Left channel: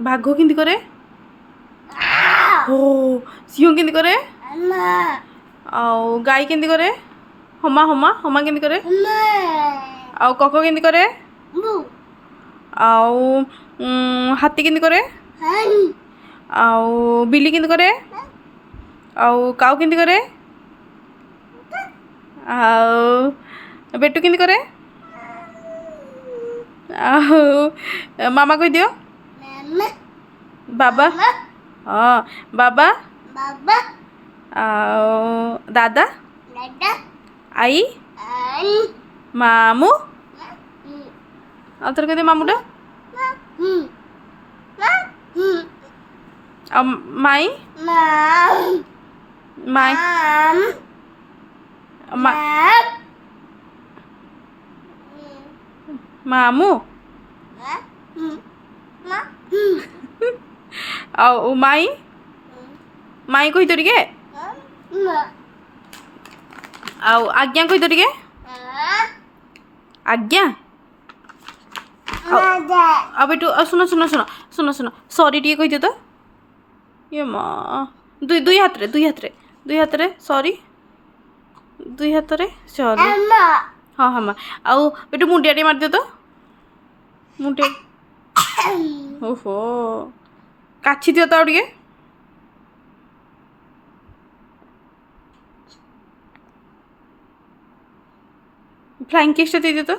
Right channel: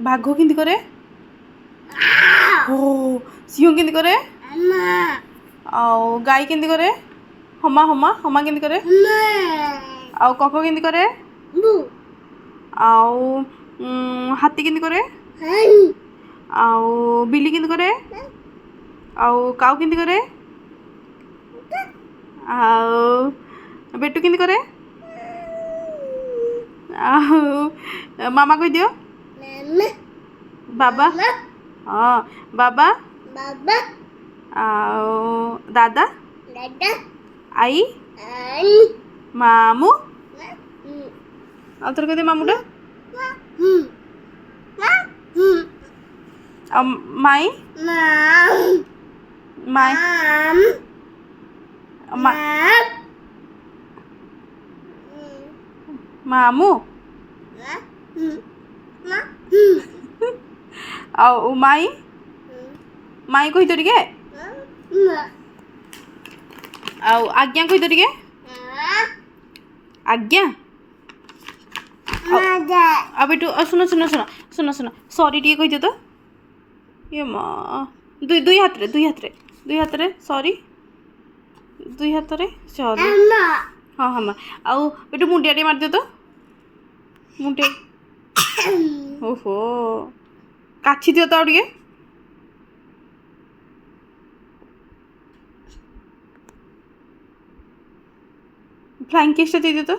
ବାଘ କେମିତି କରେ? ଓ ସିଂହ କେମିତି କରେ? ଆଉ ଗାଈ କେମିତି କରେ? ହମା ହମା ହମା କେମିତି କରେ? ଆଉ କକ କେମିତି କରେ? ଆଉ ହାତୀ କେମିତି କରେ? ଆଉ ବିଲି କେମିତି କରେ? ଆଉ କାଉ କେମିତି କରେ? ଆଉ ବେଟୁ କେମିତି କରେ? ଆଉ ମାମା କହିଦିଅ। ବାବା। ହଁ ବାବା। ଆଉ ଦାଦା। ଆଈ। ମାମୁଁ। ଆଉ ଥରେ କହିଦିଅ ମାମୁଁଟା। ଆଉ ମାଇଁ। ମାଇଁ। ମାମୁଁ। ଆଉ ମାଇଁ। ମାଇଁ କହିଦିଅ ଟିକେ। ଆଉ ଆଜ୍ଞା କହିଦିଅ ଟିକେ। ଆଜ୍ଞା। ଆଉ ବେଟୁ ଶୁଣ ଶୁଣ ଶୁଣ ଶୁଣ ଶୁଣ ସରି ଟିକେ କହିଦିଅ ତ। ଇଏ ମା ଦୁଇ ହାତରେ ଦୁଇ ହାତରେ ଦୁଇ ହାତରେ ସରି ଦୁଇ ହାତରେ ସରି। ହଁ ହଁ ମା ଆଉ ବେଟୁ ମୁଣ୍ଡିଆ ଟିକେ ମାରିଦିଅ ତ। ମୁଣ୍ଡିଆ। ଓହୋ କାଛି ଦିଅ ତ ଆଉ ଟିକେ। ଫ୍ଲାଇଂ କିସ୍ ଟା ଦେଇଦିଅ ତ।